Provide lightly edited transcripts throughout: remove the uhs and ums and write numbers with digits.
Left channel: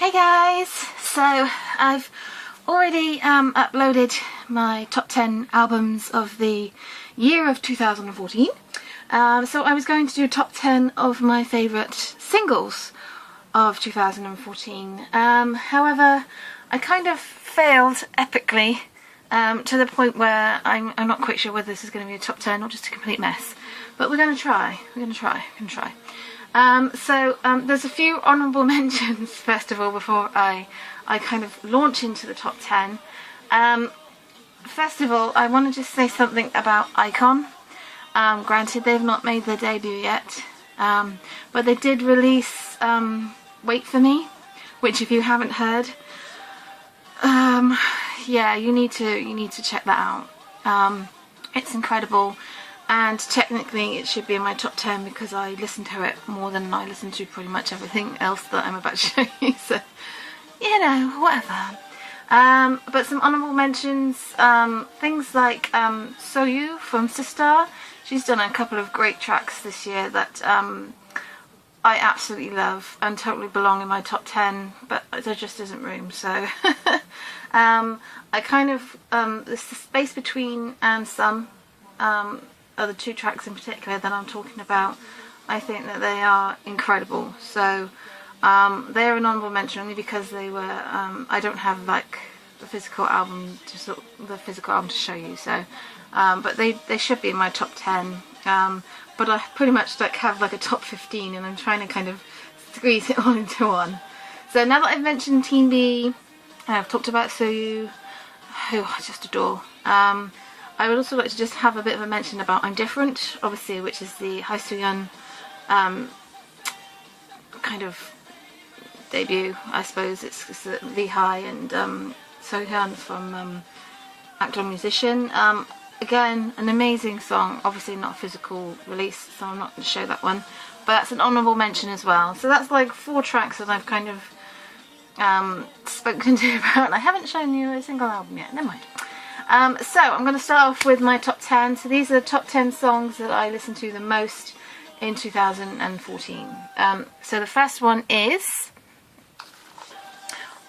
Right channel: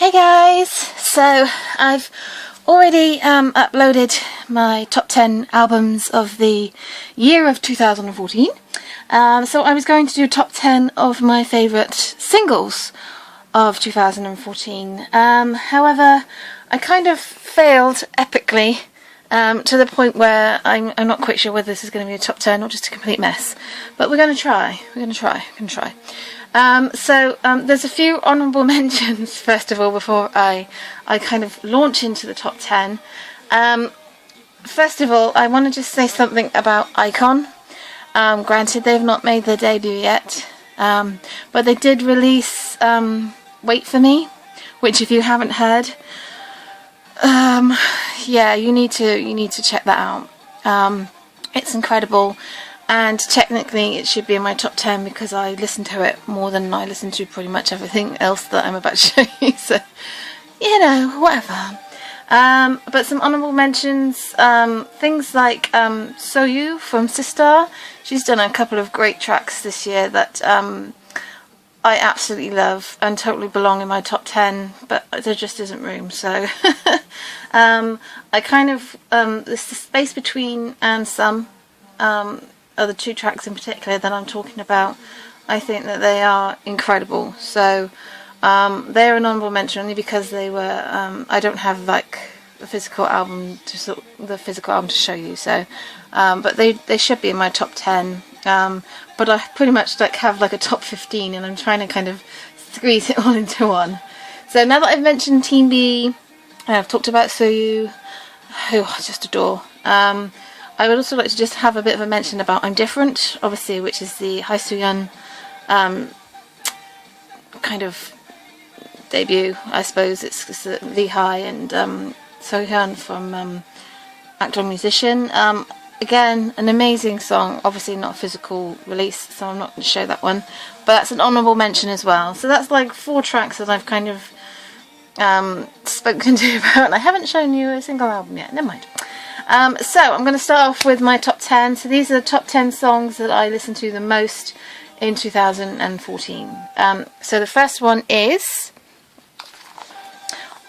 Hey guys! So I've already uploaded my top 10 albums of the year of 2014. So I was going to do top 10 of my favourite singles of 2014. However, I kind of failed epically to the point where I'm not quite sure whether this is going to be a top 10 or just a complete mess. But we're going to try. There's a few honourable mentions first of all before I kind of launch into the top 10. First of all, I want to just say something about iKON. Granted, they've not made their debut yet, but they did release Wait For Me, which if you haven't heard, yeah, you need to check that out. It's incredible. And technically it should be in my top 10 because I listen to it more than I listen to pretty much everything else that I'm about to show you, so, you know, whatever. But some honourable mentions, things like Soyu from Sistar. She's done a couple of great tracks this year that I absolutely love and totally belong in my top 10, but there just isn't room, so I kind of, there's the space between and some are the two tracks in particular that I'm talking about. I think that they are incredible, so they're an honourable mention only because they were, I don't have like the physical album to show you, so but they should be in my top 10, but I pretty much like have like a top 15 and I'm trying to kind of squeeze it all into one. So now that I've mentioned Team B and I've talked about Soyu, who I just adore, I would also like to just have a bit of a mention about I'm Different, obviously, which is the Haesuyeon kind of debut, I suppose. It's V-High and Sohyun from Actor and Musician. Again, an amazing song, obviously not a physical release, so I'm not going to show that one, but that's an honourable mention as well. So that's like 4 tracks that I've kind of spoken to you about, and I haven't shown you a single album yet, never mind. So I'm going to start off with my top 10. So these are the top 10 songs that I listened to the most in 2014. So the first one is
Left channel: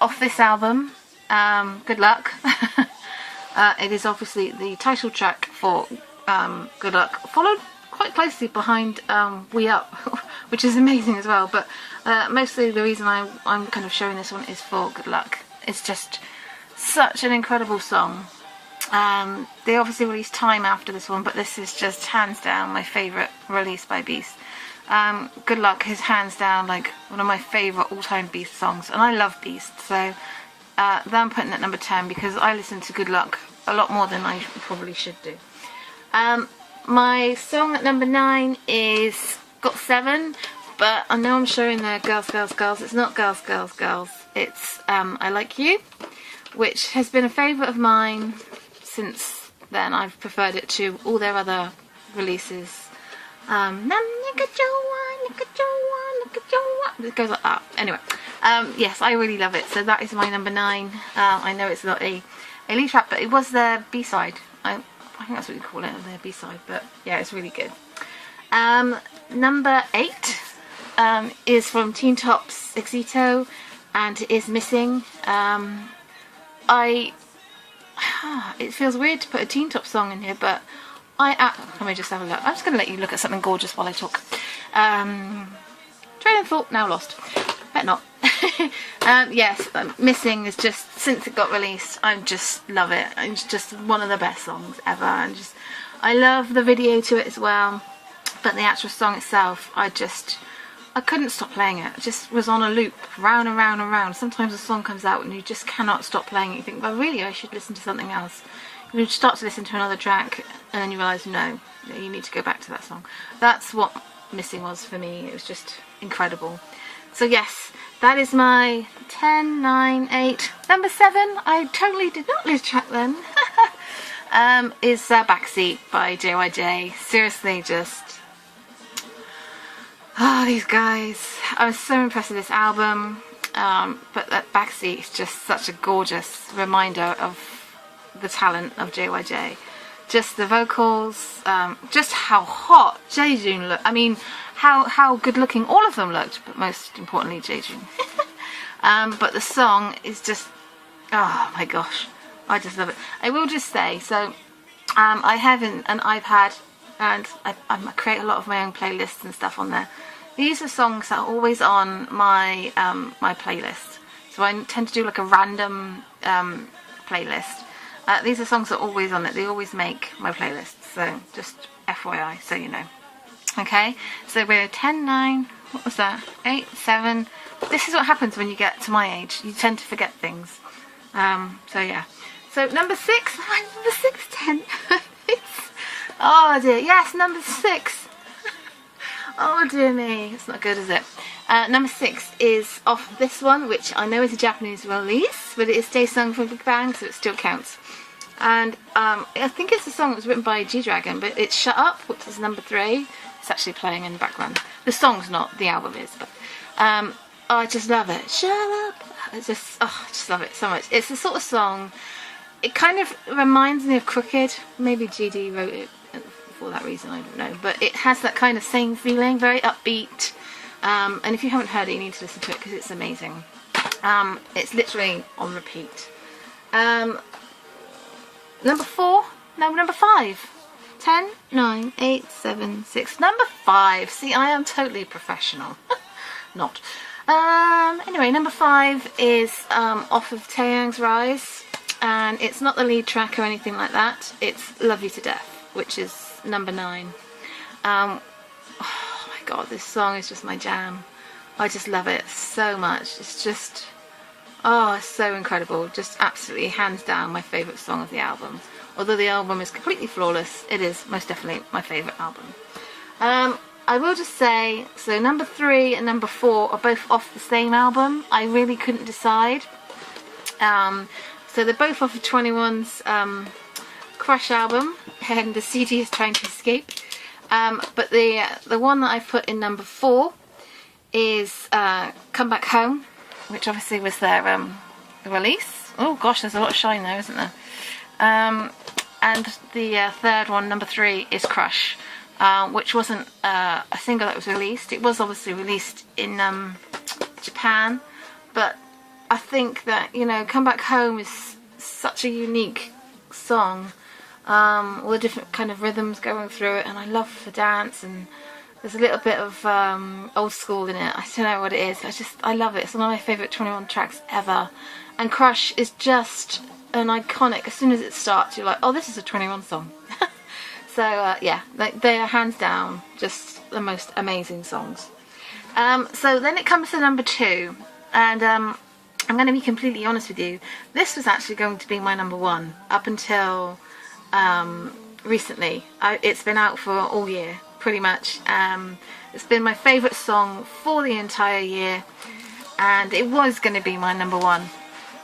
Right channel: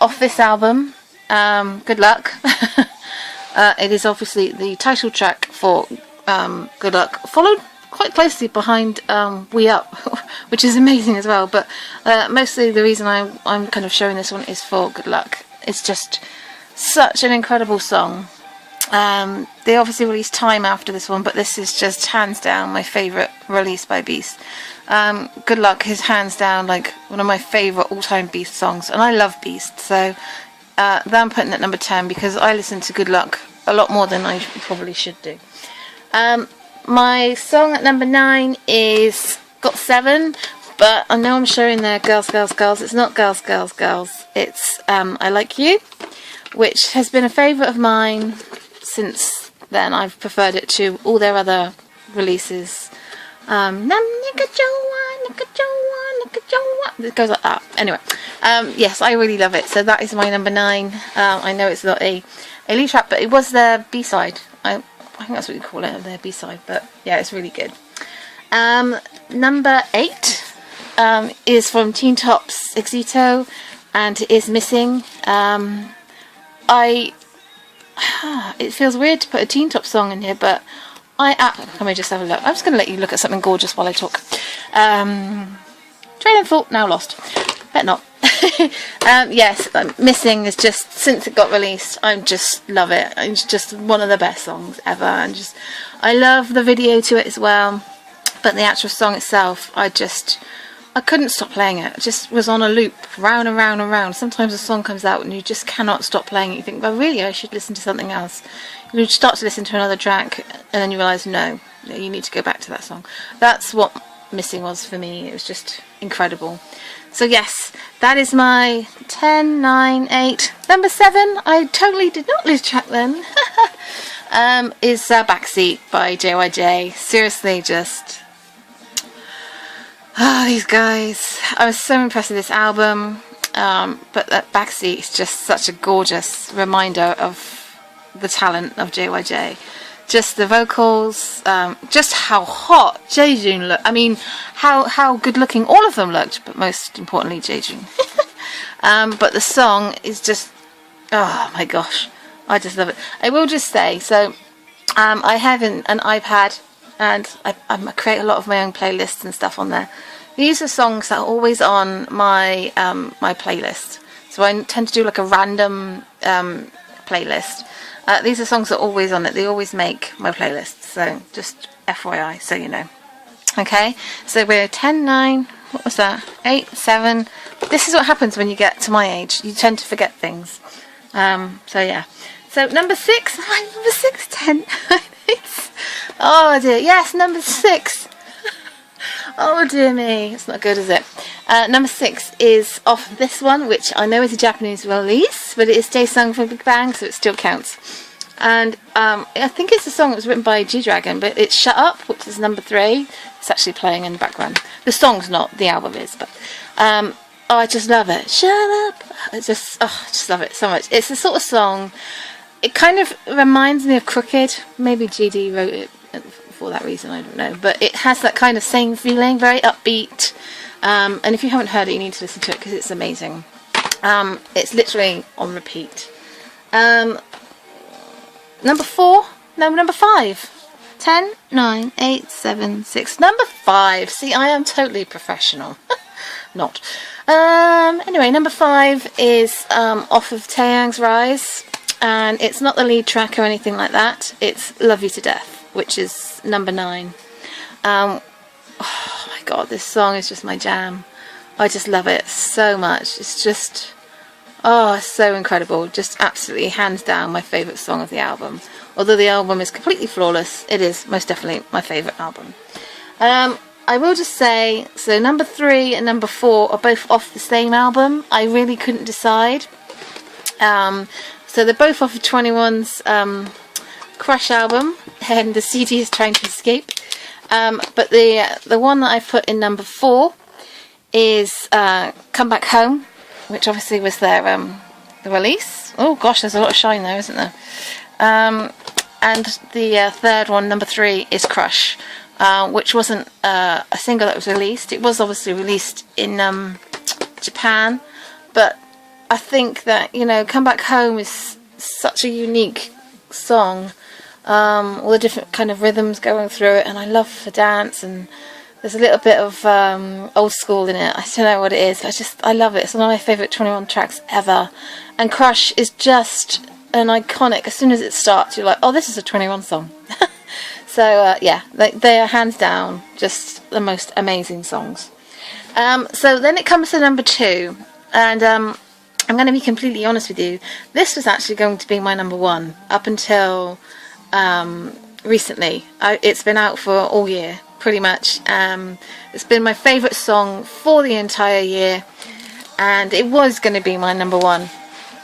off this album, Good Luck. It is obviously the title track for Good Luck, followed quite closely behind We Up, which is amazing as well, but mostly the reason I'm kind of showing this one is for Good Luck. It's just such an incredible song. They obviously released Time after this one, but this is just hands down my favourite release by Beast. Good Luck is hands down like one of my favourite all-time Beast songs, and I love Beast, so I'm putting at number 10 because I listen to Good Luck a lot more than I probably should do. My song at number 9 is Got 7, but I know I'm showing there Girls, Girls, Girls. It's not Girls, Girls, Girls. It's I Like You, which has been a favourite of mine since then. I've preferred it to all their other releases. It goes like that. Anyway, yes, I really love it. So that is my number 9. I know it's not a lead track, but it was their B-side. I think that's what you call it, their B-side. But yeah, it's really good. Number 8 is from Teen Top's Exito, and it is Missing. It feels weird to put a Teen Top song in here, but let me just have a look. I'm just going to let you look at something gorgeous while I talk. Train of thought, now lost. Bet not. Yes, Missing is just, since it got released, I just love it. It's just one of the best songs ever, and I love the video to it as well, but the actual song itself, I couldn't stop playing it. It just was on a loop, round and round and round. Sometimes a song comes out and you just cannot stop playing it. You think, well, really, I should listen to something else. You start to listen to another track and then you realise, no, you need to go back to that song. That's what Missing was for me. It was just incredible. So yes, that is my 10, 9, 8. Number 7, I totally did not lose track then, is Backseat by JYJ. Seriously, just... oh, these guys. I was so impressed with this album, but that Backseat is just such a gorgeous reminder of the talent of JYJ. Just the vocals, just how hot Jaejoon looked. I mean, how good looking all of them looked, but most importantly Jaejoon. But the song is just, oh my gosh, I just love it. I will just say, so I have an iPad, and I create a lot of my own playlists and stuff on there. These are songs that are always on my my playlist. So I tend to do like a random playlist. These are songs that are always on it. They always make my playlist. So just FYI, so you know. Okay, so we're 10, 9, what was that? 8, 7. This is what happens when you get to my age. You tend to forget things. So yeah. So number 6, number 6, 10. Oh dear, yes, number 6. Oh dear me, it's not good, is it? Number 6 is off this one, which I know is a Japanese release, but it is Stay Sung from Big Bang, so it still counts. And I think it's a song that was written by G-Dragon, but it's Shut Up, which is number 3. It's actually playing in the background. The song's not, the album is, but oh, I just love it. Shut up! It's just, oh, I just love it so much. It's the sort of song, it kind of reminds me of Crooked. Maybe GD wrote it for that reason, I don't know, but it has that kind of same feeling, very upbeat, and if you haven't heard it, you need to listen to it because it's amazing. It's literally on repeat. Number 4, no, number 5, 10, 9, 8, 7, 6, number 5. See, I am totally professional. Not. Anyway, number 5 is off of Taeyang's Rise, and it's not the lead track or anything like that. It's Love You to Death, which is number 9. Oh my god, this song is just my jam. I just love it so much. It's just, oh, it's so incredible. Just absolutely hands down my favourite song of the album. Although the album is completely flawless, it is most definitely my favourite album. I will just say, so number 3 and number 4 are both off the same album. I really couldn't decide. So they're both off of 21's Crush album, and the CD is Trying to Escape. But the one that I put in number 4 is Come Back Home, which obviously was their the release. Oh gosh, there's a lot of shine there, isn't there? And the third one, number 3, is Crush, which wasn't a single that was released. It was obviously released in Japan, but I think that, you know, Come Back Home is such a unique song. All the different kind of rhythms going through it, and I love the dance, and there's a little bit of old school in it. I don't know what it is. I love it. It's one of my favourite 21 tracks ever. And Crush is just an iconic. As soon as it starts, you're like, oh, this is a 21 song. So yeah, they are hands down just the most amazing songs. So then it comes to number 2, and I'm going to be completely honest with you. This was actually going to be my number 1 up until recently. It's been out for all year, pretty much. It's been my favourite song for the entire year, and it was going to be my number 1.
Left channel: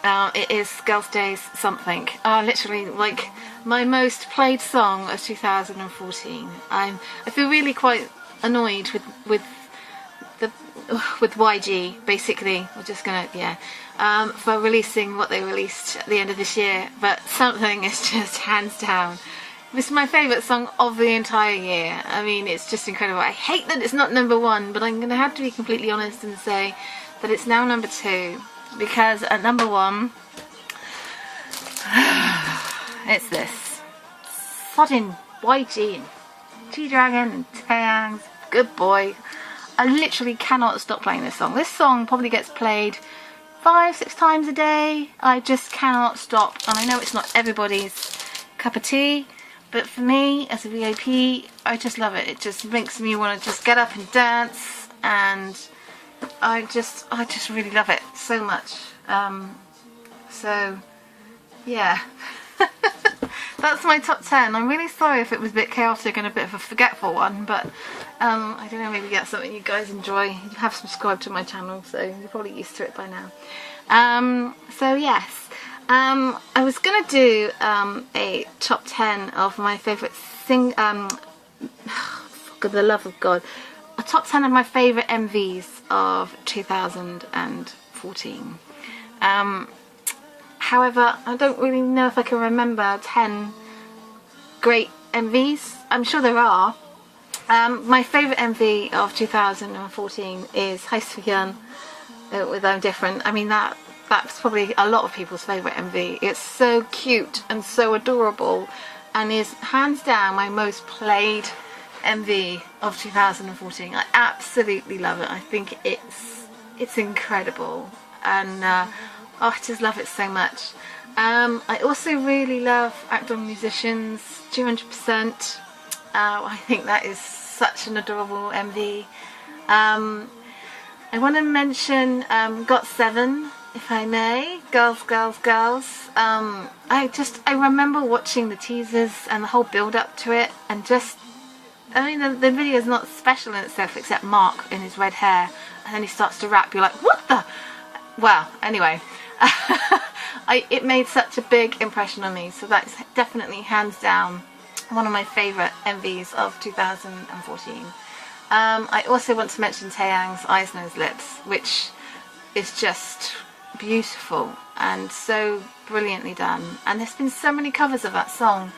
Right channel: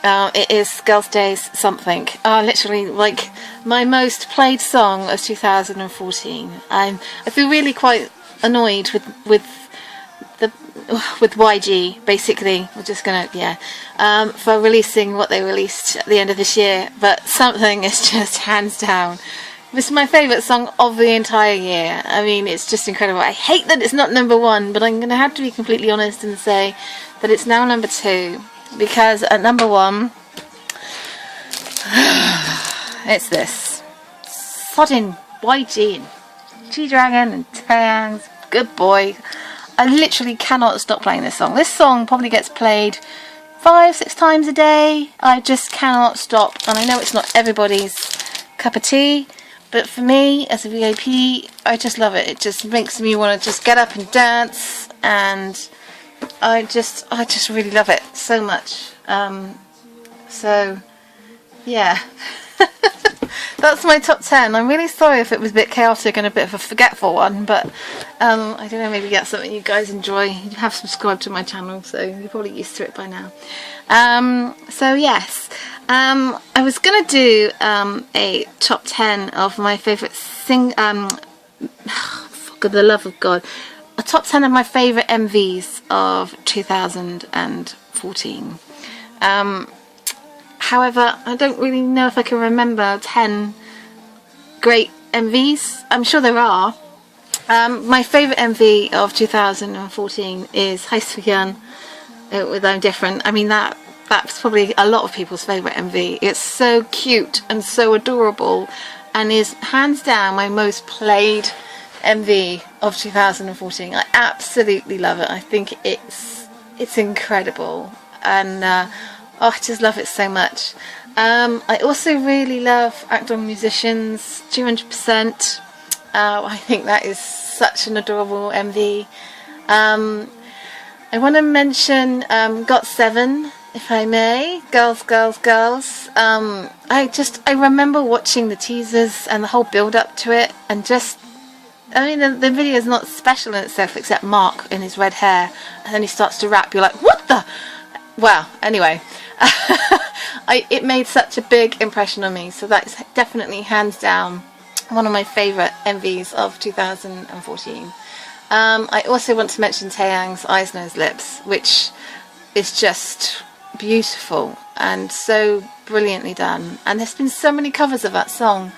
It is Girls' Day's Something. Literally, like, my most played song of 2014. I feel really quite annoyed with YG, basically. We're just gonna, yeah, for releasing what they released at the end of this year. But Something is just hands down. This is my favourite song of the entire year. I mean, it's just incredible. I hate that it's not number 1, but I'm gonna have to be completely honest and say that it's now number 2. Because at number 1, it's this. Sodding YG and G-Dragon and Taeyang's Good Boy. I literally cannot stop playing this song. This song probably gets played 5-6 times a day. I just cannot stop. And I know it's not everybody's cup of tea, but for me, as a VIP, I just love it. It just makes me want to just get up and dance, and I just really love it so much. So yeah, that's my top 10. I'm really sorry if it was a bit chaotic and a bit of a forgetful one, but I don't know, maybe that's something you guys enjoy. You have subscribed to my channel, so you're probably used to it by now. So yes, I was gonna do a top 10 of my favourite for the love of God, a top 10 of my favourite MVs of 2014. However, I don't really know if I can remember 10 great MVs. I'm sure there are. My favourite MV of 2014 is Hasehyun with I'm Different. I mean, that's probably a lot of people's favourite MV. It's so cute and so adorable, and is hands down my most played MV of 2014. I absolutely love it. I think it's incredible, and oh, I just love it so much. I also really love Act On Musicians 200%. I think that is such an adorable MV. I want to mention GOT7, if I may. Girls, Girls, Girls. I remember watching the teasers and the whole build up to it, and just, I mean, the video is not special in itself except Mark in his red hair, and then he starts to rap. You're like, what the? Well, anyway, it made such a big impression on me, so that is definitely hands down one of my favourite MVs of 2014. I also want to mention Taeyang's Eyes, Nose, Lips, which is just beautiful and so brilliantly done, and there's been so many covers of that song,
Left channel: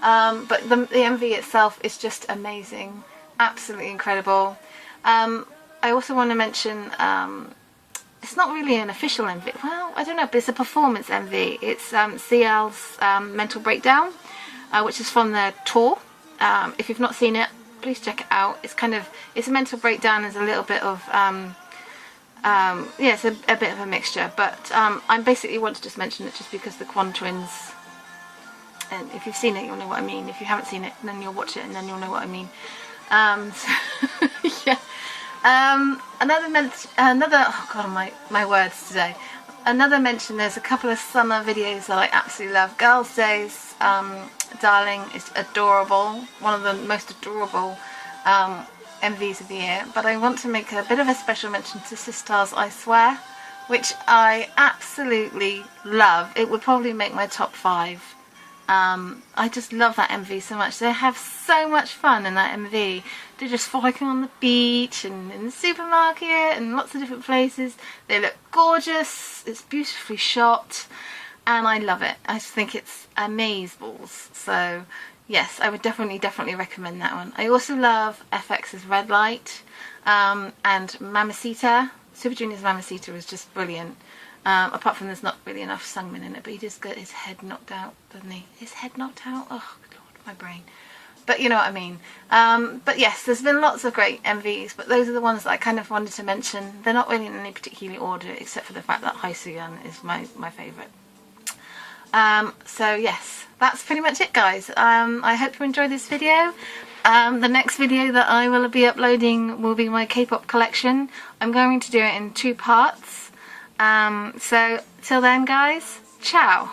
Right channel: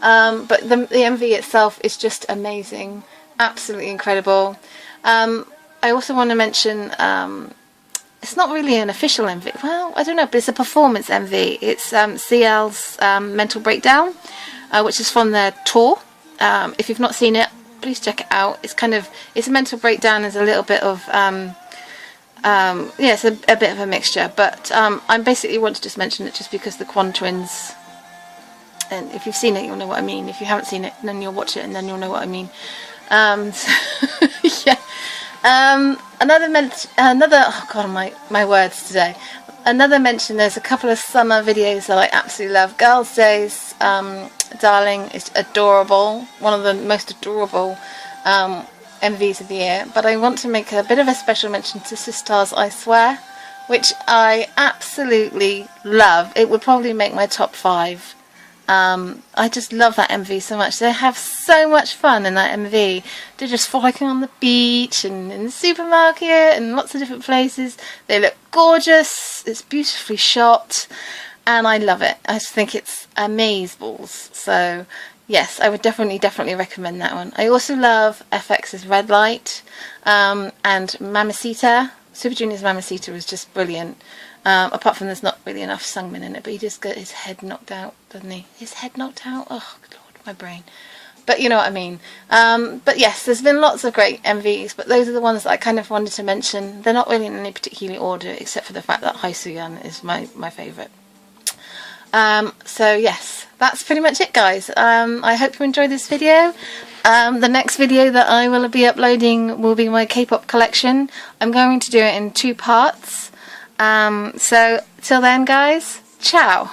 but the MV itself is just amazing, absolutely incredible. I also want to mention, it's not really an official MV, well, I don't know, but it's a performance MV. It's CL's Mental Breakdown, which is from their tour. If you've not seen it, please check it out. It's a mental breakdown. There's a little bit of yeah, it's a bit of a mixture, but I basically want to just mention it just because the Kwon twins, and if you've seen it you'll know what I mean. If you haven't seen it, then you'll watch it and then you'll know what I mean. Yeah. Another oh god, my words today. Another mention, there's a couple of summer videos that I absolutely love. Girls' Days, Darling is adorable, one of the most adorable MVs of the year. But I want to make a bit of a special mention to Sistar's I Swear, which I absolutely love. It would probably make my top 5. I just love that MV so much. They have so much fun in that MV. They're just frolicking on the beach and in the supermarket and lots of different places. They look gorgeous. It's beautifully shot, and I love it. I just think it's amazeballs. So yes, I would definitely recommend that one. I also love FX's Red Light, and Mamacita. Super Junior's Mamacita is just brilliant. Apart from there's not really enough Sungmin in it, but he just got his head knocked out, doesn't he? His head knocked out? Oh, God, my brain. But you know what I mean. But yes, there's been lots of great MVs, but those are the ones that I kind of wanted to mention. They're not really in any particular order, except for the fact that Haesuyun is my favourite. So yes, that's pretty much it, guys. I hope you enjoyed this video. The next video that I will be uploading will be my K-pop collection. I'm going to do it in 2 parts. So till then, guys, ciao.